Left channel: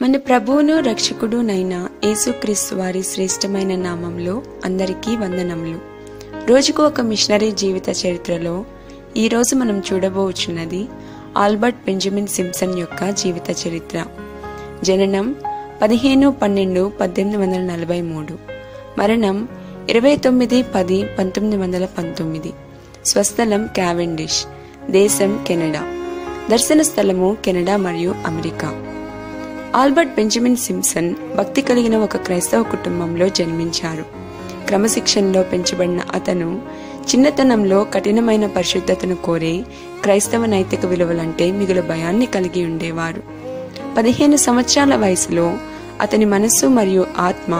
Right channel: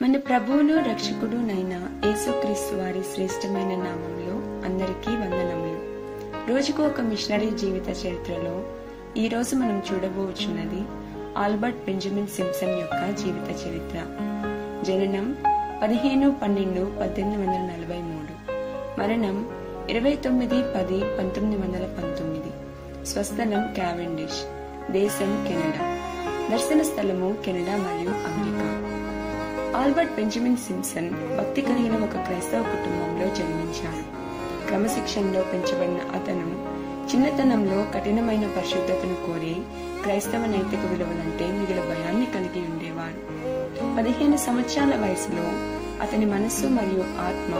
మన ప్రభువును రక్షకుడునైన యేసుక్రీస్తు వారి శ్రేష్టమైన నామంలో అందరికీ వందనములు. రోజుకు ఒక మిషనరీ జీవిత చరిత్రలో ఈరోజు మనం చూడబోచున్నది ఆల్బర్ట్ బెంజమిన్ సింప్సన్ యొక్క జీవిత చరిత్ర. జననం 15/12/1843, మరణం 29/10/1919, స్వస్థలం క్యావెండిష్, దేశం కెనడా, దర్శన స్థలము కెనడా మరియు అమెరికా. ఆల్బర్ట్ బెంజమిన్ సింప్సన్ భక్తి కలిగిన ఒక క్రైస్తవ కుటుంబంలో జన్మించారు. క్రమశిక్షణలో పెంచబడిన అతను చిన్నతనంలో కఠినమైన పరిశుద్ధతను కోరే క్రైస్తవ నైతిక విలువలంటే మిగులు భయాన్ని కలిగి ఉండేవారు. 15 సంవత్సరాల వయసులో అతని మనస్సు మరియు ఆత్మ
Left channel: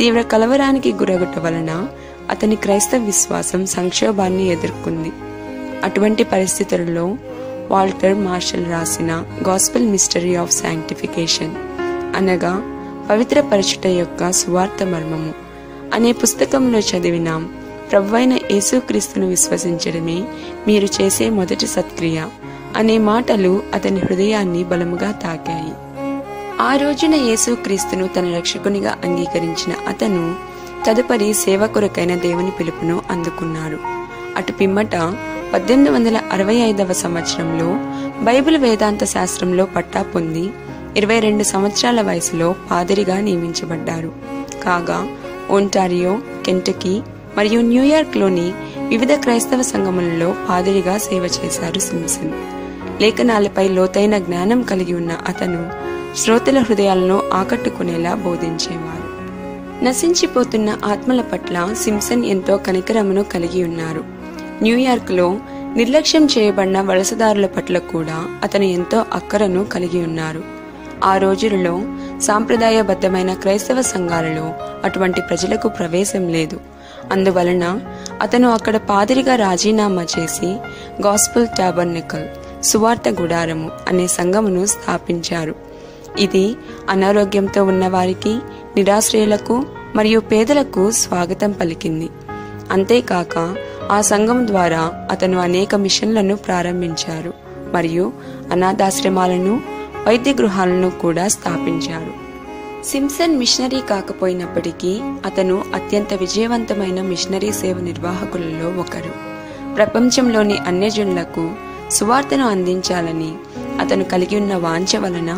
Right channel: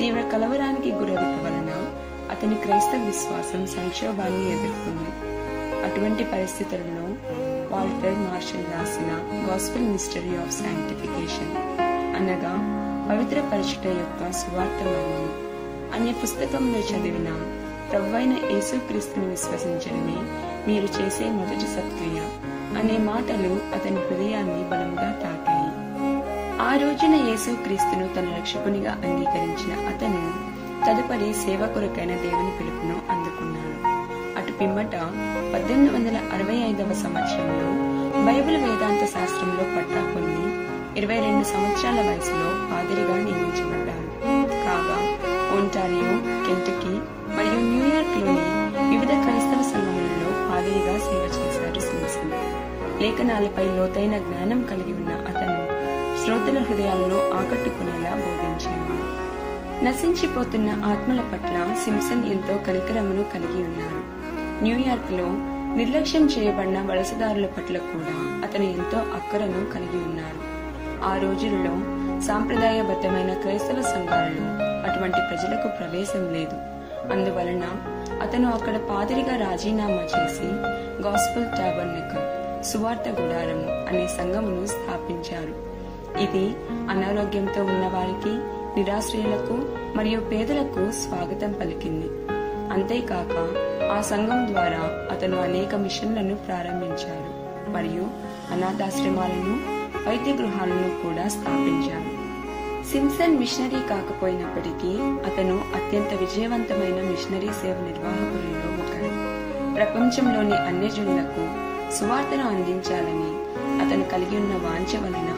తీవ్ర కలవరానికి గురగుట వలన అతని క్రైస్తవ విశ్వాసం సంక్షోభాన్ని ఎదుర్కొంది. అటువంటి పరిస్థితులలో వాల్టర్ మార్షల్ రాసిన గాస్పెల్ మిస్టరీ ఆఫ్ శాంక్టిఫికేషన్ అనగా పవిత్ర పరచుట యొక్క సువార్త మర్మము అనే పుస్తకంలో చదివినాం. ప్రభువైన యేసుక్రీస్తును విశ్వసించడమే మీరు చేసే మొదటి సత్క్రియ అనే మాటలు అతని హృదయాన్ని బలముగా తాకాయి. ఆ రోజున యేసుక్రీస్తును తన రక్షకునిగా అంగీకరించిన అతను తదుపరి సేవ కొరకైన దేవుని పిలుపును అందుకున్నాడు. అటు పిమ్మట 1865వ సంవత్సరంలో బైబిల్ వేదాంత శాస్త్రంలో పట్టా పొంది 22 సంవత్సరాల వయసులో పాదిరిగా నియమించబడ్డారు. కాగా ఒంటారియో, కెంటకీ మరియు న్యూయార్క్లోని వివిధ క్రైస్తవ సంఘములలో పాదిరిగా సేవ చేశారు సింప్సన్. లేఖనాలపై లోతైన జ్ఞానం కలిగి ఉన్న అతను శ్రోతల హృదయాలను ఆకట్టుకునేలా బోధించేవారు. నశించిపోతున్న ఆత్మల పట్ల సింప్సన్ ఎంతో కనికరమును కలిగి ఉన్నారు. న్యూయార్క్లో నిర్లక్ష్యం చేయబడిన వలసదారుల పట్ల కూడా అతను ఎంతో అక్కరను కలిగి ఉన్నారు. ఆ రోజులలో సాంప్రదాయబద్ధమైన క్రైస్తవ సంఘాలలో అటువంటి ప్రజలకు ప్రవేశం లేదు. అందువలన అతను అక్కడ పాదిరిగా రాజీనామా చేసి గాస్పెల్ టాబర్నకల్, సువార్త గుడారము అనే సంఘమును స్థాపించారు. ఇది అనారోగ్యంతో ఉన్నవారికి, నిరాశ్రయులకు మరియు పేదలకు స్వాగతం పలికింది. అంతేకాక ఆ సంఘం ద్వారా అతను అనేక మిషన్లను ప్రారంభించారు మరియు అనాథాశ్రమాలను, వైద్య గృహాలను కూడా స్థాపించారు. సింప్సన్ మిషనరీ కాకపోయినప్పటికీ అతను అత్యంత విజయవంతమైన మిషనరీ సేవ నిర్వాహకులలో ఒకరు. ప్రపంచంలోని అన్యజనులకు సువార్తను అందించాలని అతను కలిగి ఉన్న వాంఛ వలన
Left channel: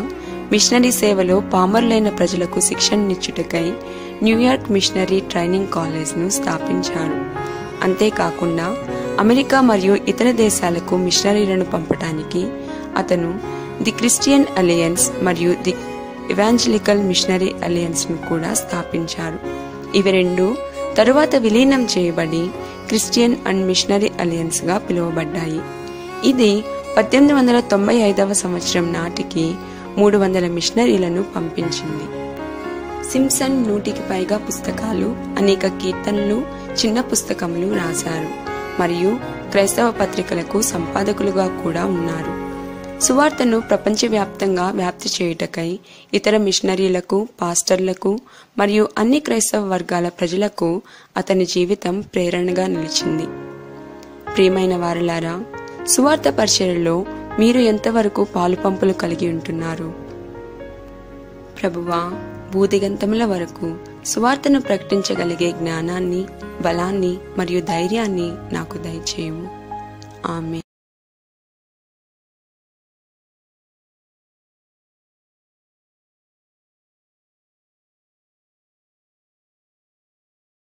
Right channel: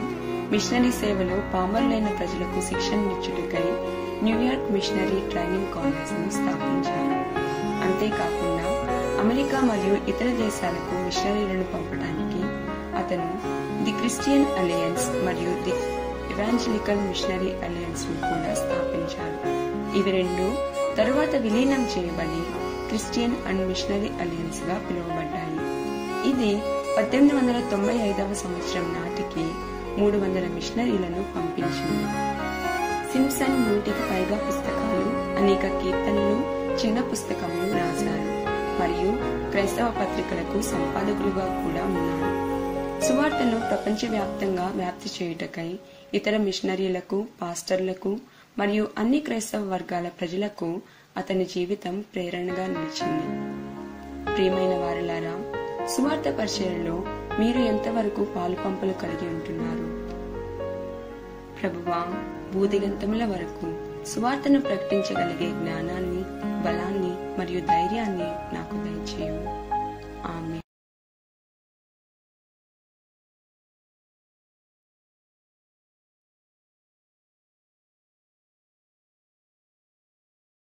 మిషనరీ సేవలో పామరులైన ప్రజలకు శిక్షణనిచ్చుటకై న్యూయార్క్ మిషనరీ ట్రైనింగ్ కాలేజ్ను స్థాపించాడు. అంతేకాకుండా అమెరికా మరియు ఇతర దేశాలకు మిషనరీలను పంపడానికి అతను ది క్రిస్టియన్ అలయన్స్ మరియు ది ఎవాంజలికల్ మిషనరీ అలయన్స్ ను కూడా స్థాపించారు. ఇవి రెండు తరువాత విలీనం చేయబడి క్రిస్టియన్ అండ్ మిషనరీ అలయన్స్ గా పిలువబడ్డాయి. ఇది 1895వ సంవత్సరం నాటికి 300 మిషనరీలను పంపించింది. సింప్సన్ 100కి పైగా పుస్తకాలు, అనేక కీర్తనలు, చిన్న పుస్తకములు రాశారు మరియు క్రైస్తవ పత్రికలకు సంపాదకులుగా కూడా ఉన్నారు. సువార్తను ప్రపంచవ్యాప్తంగా వ్యాప్తి చేయుటకై ఇతర మిషనరీలకు, పాస్టర్లకు మరియు అన్ని క్రైస్తవ వర్గాల ప్రజలకు అతని జీవితం ప్రేరణగా నిలిచింది. ప్రియమైన వారలారా, సువార్త పరిచర్యలో మీరు ఎంతవరకు పాలుపంపులు కలిగి ఉంటున్నారు? ప్రభువా, భూదిగంతముల వరకు సువార్తను ప్రకటించగలిగే జ్ఞానాన్ని, బలాన్ని మరియు ధైర్యాన్ని నాకు దయచేయము. ఆమేన్.